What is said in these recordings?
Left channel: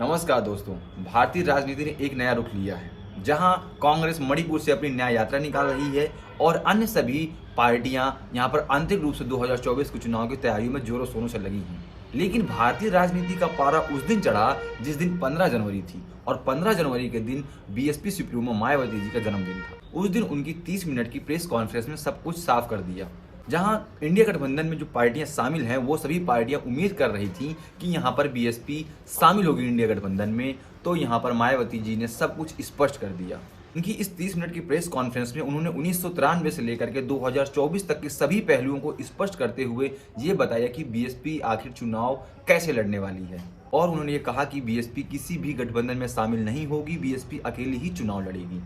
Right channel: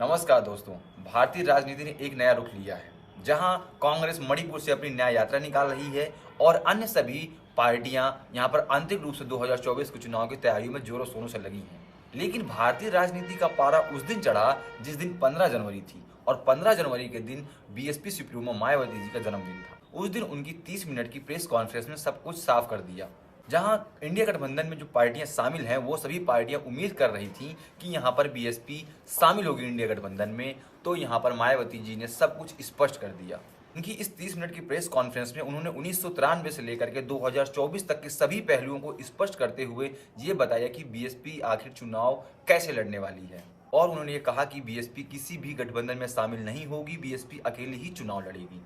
नमस्कार दोस्तों। भारतीय राजनीति ने एक नया रुख लिया है, जहां कांग्रेस मणिपुर से अपनी न्याय यात्रा निकाल रही है और अन्य सभी पार्टियां यहां पर आंतरिक रूप से 2024 के चुनाव की तैयारियों में जोरों शोरों से लगी हैं। लेकिन भारतीय राजनीति का पारा उस दिन चढ़ा जिस दिन 15 जनवरी थी और 15 जनवरी के दिन बीएसपी सुप्रीमो मायावती जी का जन्मदिन था। उस दिन उनकी 30 मिनट की प्रेस कॉन्फ्रेंस में सब कुछ साफ कर दिया, जहां इंडिया गठबंधन में जो पार्टियां शामिल हैं वो सभी पार्टियां उम्मीद कर रही थी कि यहां पर बीएसपी शामिल होगी इंडिया गठबंधन में। तो यहां पर मायावती जी ने सब कुछ स्पष्ट कर दिया। उनकी इस 30 मिनट की प्रेस कॉन्फ्रेंस में उन्होंने 1993 से लेकर के 2024 तक के सभी पहलुओं को स्पष्ट करते हुए ये बताया कि बीएसपी आखिर चुनाव कैसे लड़ने वाली है। और उन्होंने ये कहा कि बीएसपी किसी भी गठबंधन में शामिल नहीं होगी, बीएसपी अकेली ही चुनाव लड़ेगी।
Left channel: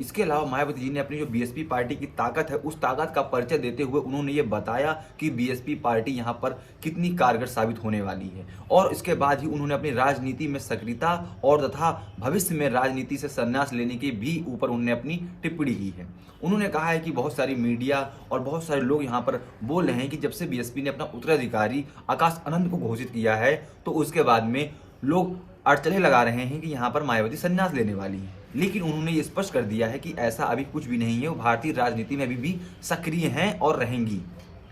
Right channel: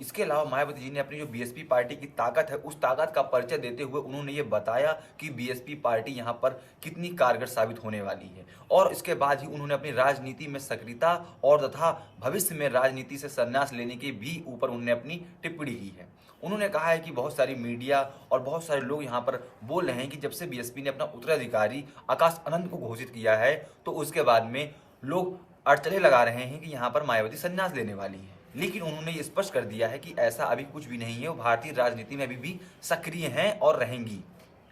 इसके अलावा मायावती जी ने अपनी जो बीएसपी पार्टी की ताकत है उस ताकत का परिचय देते हुए उन्होंने ये बताया कि बीएसपी पार्टी यहाँ पर कितनी कारगर साबित होने वाली है। और इसके बाद ही उन्होंने अपनी राजनीति में सक्रियता और तथा भविष्य में राजनीति से संन्यास लेने के भी ऊपर उन्होंने अपनी टिप्पणी की है। उन्होंने कहा है कि बहुत सारी मीडिया और बहुत सारे लोग यहाँ पर बोल रहे हैं कि जब से बीएसपी ने अपना उत्तराधिकारी आकाश आनंद को घोषित किया है तो उसके बाद में लोग अड़चने लगा रहे हैं कि यहाँ पर मायावती संन्यास लेने वाली है। लेकिन उन्होंने ये स्पष्ट कर दिया है कि ऐसा अभी कुछ भी नहीं है, वो भारतीय राजनीति में अभी भी सक्रिय हैं और रहेंगी।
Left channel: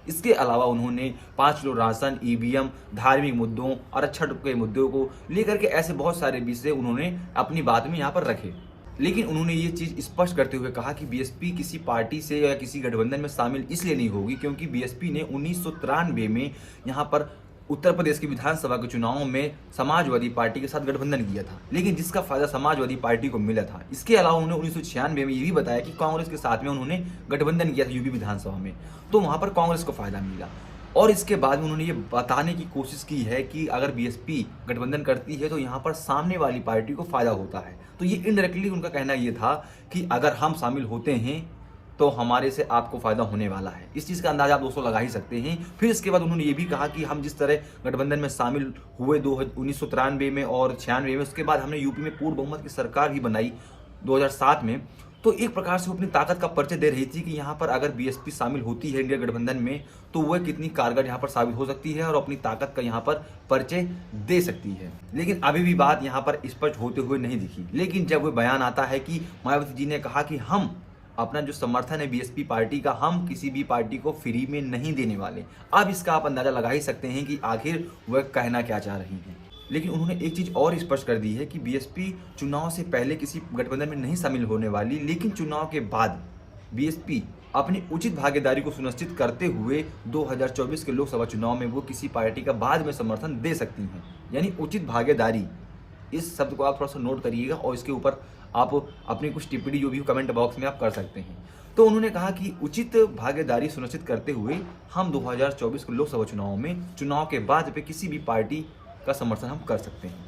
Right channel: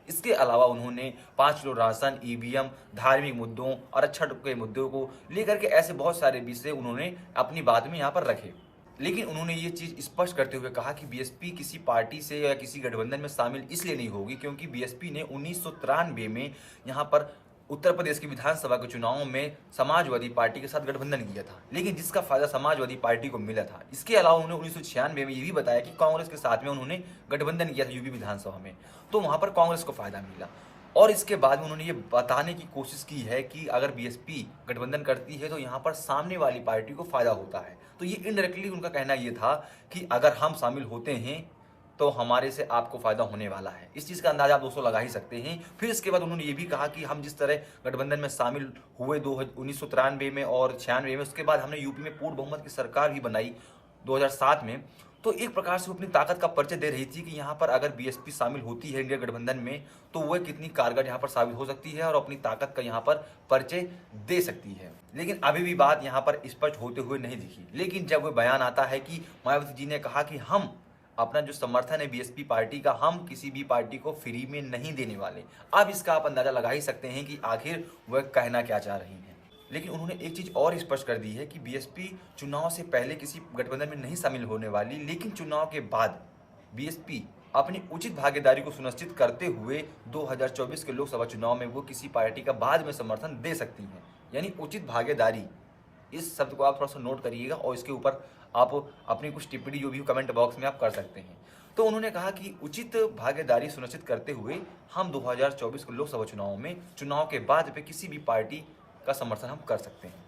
इसके अलावा उन्होंने 5 किलो राशन, ईवीएम, धार्मिक मुद्दों, आरक्षण के मुद्दों को लेकर के ऐसे बहुत सारे विषय उन्होंने अपनी बात में यहाँ पर रखे। लेकिन उन्होंने ये चीज स्पष्ट करते हुए कहा कि बीएसपी किसी पार्टी से या किसी गठबंधन में शामिल इसलिए नहीं होगी क्योंकि बीएसपी ने 1993 में यहाँ पर उत्तर प्रदेश की विधानसभा के चुनावों में समाजवादी पार्टी के साथ गठबंधन किया था, लेकिन जिसका फायदा समाजवादी पार्टी को मिला था। इसके अलावा उन्होंने 1996 में ये भी बताया कि कांग्रेस के साथ में उन्होंने गठबंधन किया था यूपी विधानसभा में, तो वहां पर कांग्रेस को फायदा मिला। और इसके बाद में उन्होंने ये बताने की कोशिश की है कि अगर बीएसपी गठबंधन करती है तो यहाँ पर सामने वाली पार्टी को फायदा होता है। तो ये इनडायरेक्टली उनका कहना ये था कि अगर हम शामिल होते हैं तो हमारे से आपको फायदा होने वाला है। इस चीज का अंदाजा आप दोस्तों लगा ही सकते हैं। फिर इसके बाद उन्होंने ये भी कहा कि हम जिस तरह गठबंधन में शामिल हुए 1993 में और 96 में, उसके बाद हमने यूपी में पूर्ण बहुमत की सरकार भी बनाई 2007 में, तो एक प्रकार से वो अपनी ताकत का परिचय दे रही थी कि यहाँ पर अगर बीएसपी शामिल होती है इंडिया गठबंधन में तो वह कितनी कारगर यहाँ पर साबित हो सकती है और अपनी ताकत का यहाँ पर परिचय दे सकती है। लेकिन अभी भी बात यहाँ पर स्पष्ट होते हुए नहीं दिखी। लेकिन जब वह बयान आता है कि मायावती जी ने कहा कि हम अपना जो समर्थन है बीएसपी पार्टी का, हम किसी भी पार्टी को फ्री में नहीं देने वाले। अब इसका आप अंदाजा लगा ही सकते हैं कि आखिर वह कहना क्या चाह रही हैं। लेकिन उन्होंने एक चीज और स्पष्ट कर दी है कि बीएसपी चुनाव से पहले किसी गठबंधन में नहीं शामिल होने वाली, लेकिन चुनाव के बाद बीएसपी अपनी उचित भागीदारी को सुनिश्चित करते हुए 2024 के लोकसभा चुनाव में वो किसी पार्टी का बाद में समर्थन दे सकती हैं। यानी उचित भागीदारी, इस शब्द को आप थोड़ा सा नोट करिएगा और इसके ऊपर आप अपनी कुछ टिप्पणी जो भी कमेंट बॉक्स में आप कर सकते हैं। तो उन्होंने कहा कि उचित भागीदारी सुनिश्चित करते हुए हम 2024 के लोकसभा चुनाव में चुनाव के बाद पे किसी भी पार्टी का समर्थन हम कर सकते हैं।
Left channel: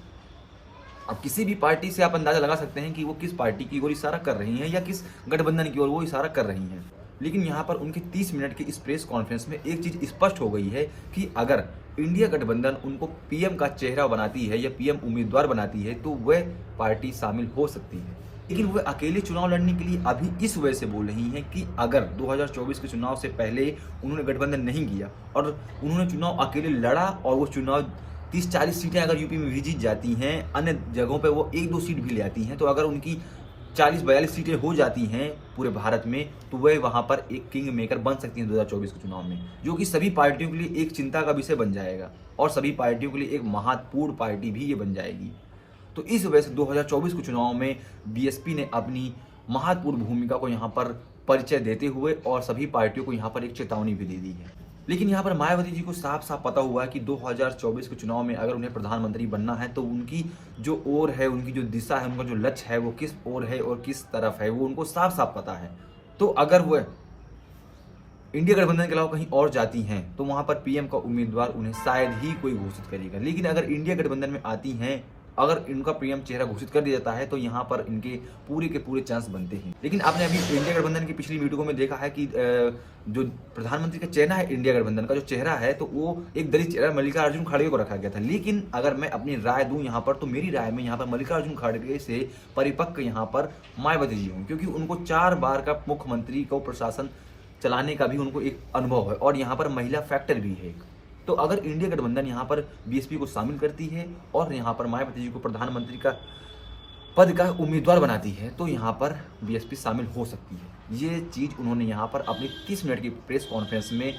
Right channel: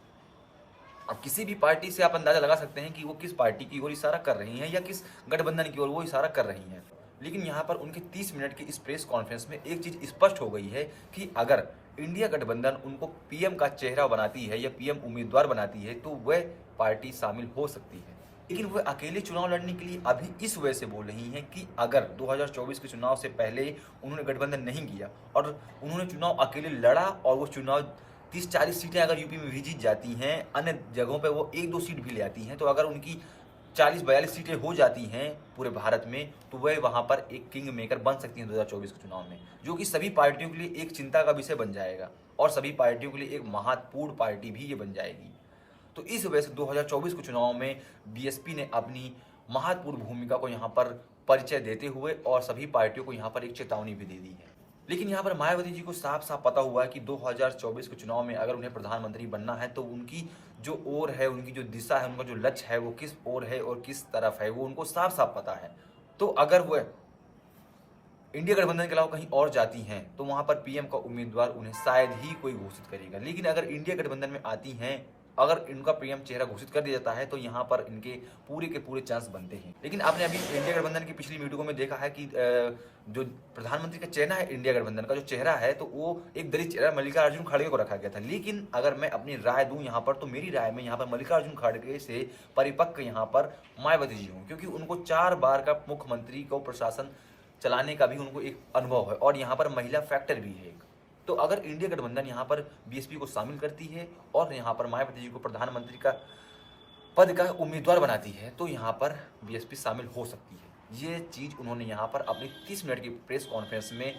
अब किसी भी पार्टी से आप अंदाजा लगा सकते हैं कि वो किस पार्टी की ओर इशारा कर रही हैं या किस गठबंधन की ओर वो इशारा कर रही हैं। लेकिन यहाँ पर उनके 30 मिनट की इस प्रेस कॉन्फ्रेंस में एक चीज स्पष्ट हो गई है कि अगर इंडिया गठबंधन उनको पीएम का चेहरा बनाती है या पीएम उम्मीदवार बनाती है तो वह पार्टी शामिल हो सकती है। लेकिन वह अकेले चुनाव लड़ने के लिए अभी इस वजह से बोल रही हैं कि अगर 2024 के चुनाव से पहले उन्होंने गठबंधन नहीं किया और उन्होंने चुनाव अकेले लड़ा और वो चुनाव 30-40 सीटें अगर यूपी में भी जीत जाती हैं, अन्य जगहों पर वो 1-2 सीट भी ले आती हैं, तो अगर उनकी 40-42 सीटें हो जाती हैं पूरे भारत में तो वह वहां पर एक किंग मेकर बन सकती हैं 2024 के चुनाव में, जो कि सभी पार्टियों के लिए एक चिंता का विषय बन जाएगा और सभी पार्टियों के लिए एक महत्वपूर्ण पार्टी भी ये बन जाएगी। तो इस वजह से 2024 के चुनाव में बीएसपी ने अपनी महत्वपूर्ण भूमिका को यहाँ पर परिचय देते हुए और सभी पार्टियों को यहाँ पर एक चेतावनी भी दे दी है। लेकिन यहाँ पर मायावती जी को साफ साफ पता हुआ है कि 2024 के चुनाव में अगर उन्हें प्रधानमंत्री बनना है तो उनकी जो ओर है, उनकी जो दिशा है, उनका जो लक्ष्य है वो किस ओर है और किस तरफ है, वो उनको साफ साफ पता है। तो अगर वह इंडिया गठबंधन के अलावा कहीं और जाती हैं तो वहां पर पीएम का उम्मीदवार उन्हें शायद ही कोई घोषित करेगा। लेकिन अगर इंडिया गठबंधन में आती हैं, अगर इनका पीएम चेहरा घोषित कर दिया जाता है तो यहाँ पर इनके पूरे के पूरे चांस बनते हैं। लेकिन आपने अभी इंडिया गठबंधन की पिछली वीडियो में देखा है कि जो प्रधानमंत्री का चेहरा है इंडिया गठबंधन का जो चेहरा है तो वो एक दलित चेहरा मल्लिकार्जुन खड़गे को रखा गया था। लेकिन अगर मैं अपनी राय दूं यहाँ पर तो मेरी राय में यहाँ पर मल्लिकार्जुन खड़गे से परिपक्व यहाँ पर मायावती जी हूँ, क्योंकि उनको 4 बार का मुख्यमंत्री को प्रशासन चलाने का भी उनको एक अनुभव है और यहाँ पर महिला फैक्टर भी है एक। तो अगर इंडिया गठबंधन यहाँ पर बीएसपी को शामिल करती है और यहाँ पर मायावती जी को प्रधानमंत्री का पद का उम्मीदवार बनाती है तो यहाँ पर बीएसपी शामिल हो सकती है। ये चीज़ उन्होंने यहाँ पर अपनी 30 मिनट की प्रेस कॉन्फ्रेंस में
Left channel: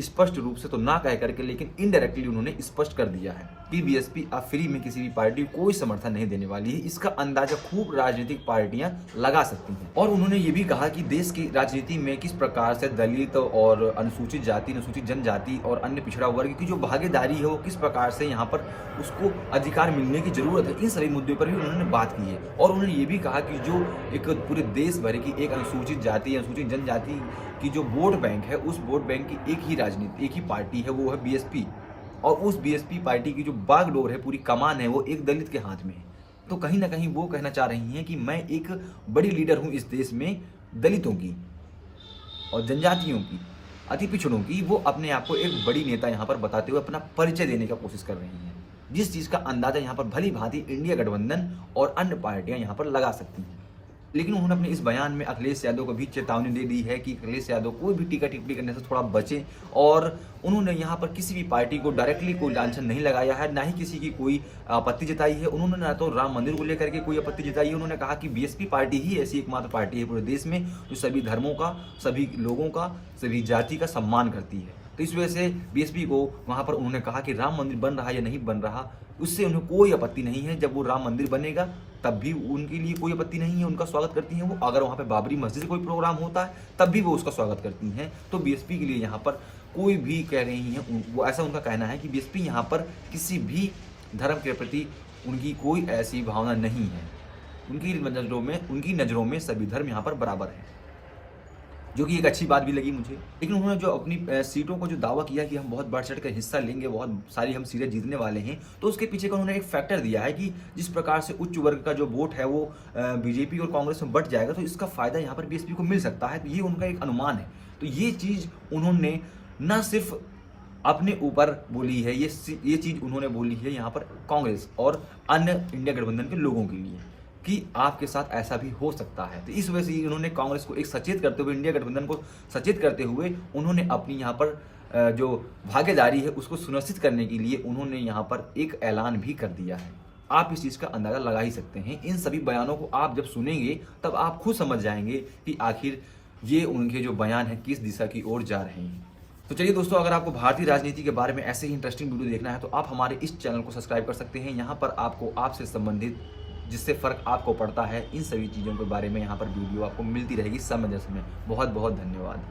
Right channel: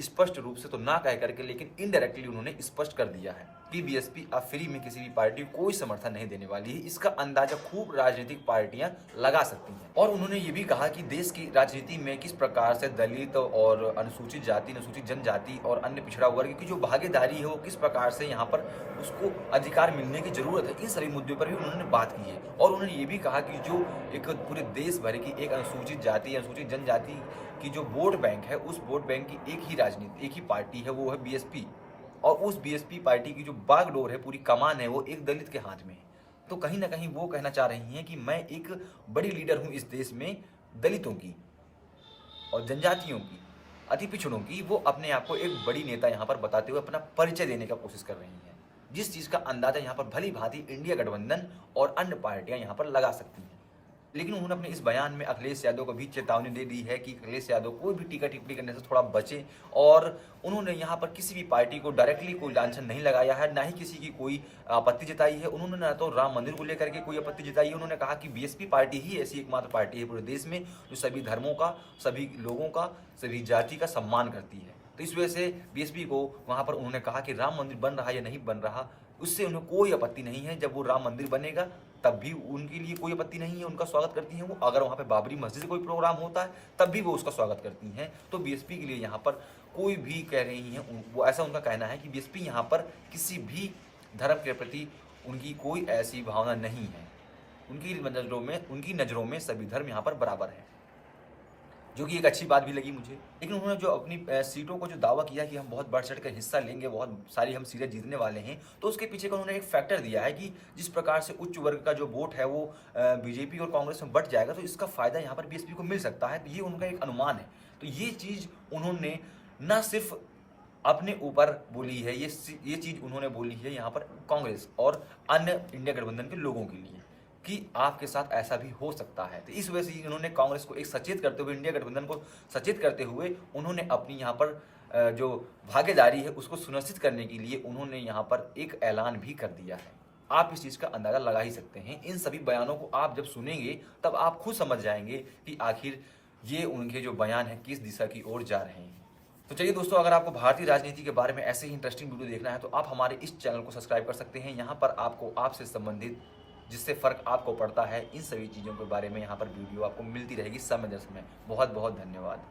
स्पष्ट रूप से तो ना कह करके लेकिन इनडायरेक्टली उन्होंने स्पष्ट कर दिया है कि बीएसपी अब फ्री में किसी भी पार्टी को कोई समर्थन नहीं देने वाली है। इसका अंदाजा खूब राजनीतिक पार्टियां लगा सकती हैं। और उन्होंने ये भी कहा कि देश की राजनीति में किस प्रकार से दलित और अनुसूचित जाति, अनुसूचित जनजाति और अन्य पिछड़ा वर्ग की जो भागीदारी है वो किस प्रकार से यहाँ पर उसको अधिकार मिलने की जरूरत है। इन सभी मुद्दों पर भी उन्होंने बात की है। और उन्होंने ये भी कहा कि जो एक पूरे देश भर की एक अनुसूचित जाति, अनुसूचित जनजाति की जो वोट बैंक है, उस वोट बैंक की एक ही राजनीति, एक ही पार्टी है, वो है बीएसपी। और उस बीएसपी पार्टी की जो बागडोर है, पूरी कमान है, वो एक दलित के हाथ में है। तो कहीं ना कहीं वो कहना चाह रही हैं कि मैं एक बड़ी लीडर हूं इस देश में दलितों की और जनजातियों की, अति पिछड़ों की। वो अपने आप को एक बड़ी नेता यहाँ पर बताते हुए अपना परिचय देने का कोशिश कर रही हैं, जिस चीज़ का अंदाजा यहाँ पर भली भांति इंडिया गठबंधन और अन्य पार्टियां यहाँ पर लगा सकती हैं। लेकिन उन्होंने अपने इस बयान में अखिलेश यादव को भी चेतावनी दे दी है कि अखिलेश यादव कोई भी टीका टिप्पणी करने से थोड़ा बचे। और उन्होंने यहाँ पर किसी भी पार्टी को डायरेक्टली कोई लांछन नहीं लगाया है, ना ही किसी की कोई आपत्ति जताई है। उन्होंने ना तो राम मंदिर को लेकर के कोई आपत्ति जताई है। उन्होंने कहा कि बीएसपी पार्टी ही ऐसी एकमात्र पार्टी है पूरे देश में जो सभी धर्मों का, सभी लोगों का, सभी जाति का सम्मान करती है। तो इस वजह से बीएसपी को वहाँ पर उन्होंने कहा कि राम मंदिर बन रहा या नहीं बन रहा, उससे उन्हें कोई आपत्ति नहीं है। जब वो राम मंदिर बनेगा तब भी उनके लिए कोई आपत्ति नहीं है, उनका स्वागत करती हैं वो। अगर वहाँ पे बाबरी मस्जिद से कोई प्रोग्राम होता है तब भी वो उसका स्वागत करती हैं। तो बीएसपी के लिए यहाँ पर कोई भी कह रही हैं, वो ऐसा उनका कहना है कि बीएसपी यहाँ पर किसी भी धर्म के प्रति उनकी कोई ऐसी भावना नहीं है। उनकी नज़रों में सभी धर्म यहाँ पर बराबर है, जो कि एक अच्छी बात भी लगी मुझे। लेकिन उन्होंने जो अपनी सीटों को जो दावा किया कि हम बहुत बढ़ चढ़ कर हिस्सा लेंगे, बहुत सारी हम सीटें जीतने वाले हैं, तो उसके पीछे का उन्होंने एक फैक्टर दिया है कि जिस प्रकार से उच्च वर्ग का जो वोट है वो बीजेपी और कांग्रेस में बढ़ जाएगा, तो इसका फायदा यहाँ पर बीएसपी को मिल सकता है। तो ये उनका एक अनुमान है। तो ये चीज़ उन्होंने न सिर्फ अपने ऊपर बोली है, ये चीज़ उन्होंने बोली है यहाँ पर कांग्रेस और अन्य इंडिया गठबंधन के लोगों के लिए कि आपके साथ ऐसा भी हो सकता है। तो इस वजह से उन्होंने कांग्रेस को एक सचेत करते हुए, इंडिया गठबंधन को सचेत करते हुए उन्होंने अपनी यहाँ पर जो भागीदारी है उसको सुनिश्चित करने के लिए उन्होंने यहाँ पर एक ऐलान भी कर दिया है। आप इस चीज़ का अंदाज़ा लगा ही सकते हैं। इन सभी बयानों को आप जब सुनेंगे तब आप खुद समझ जाएंगे कि आखिर ये उनके जो बयान है किस दिशा की ओर जा रहे हैं। तो चलिए दोस्तों, अगर आपको भारतीय राजनीति के बारे में ऐसे ही इंटरेस्टिंग वीडियो देखना है तो आप हमारे इस चैनल को सब्सक्राइब कर सकते हैं। यहाँ पर आपको आपसे संबंधित जिससे फ़र्क आपको पड़ता है, इन सभी चीज़ों के बारे में यहाँ पर वीडियो आपको मिलती रहेगी समय दर समय। बहुत बहुत धन्यवाद।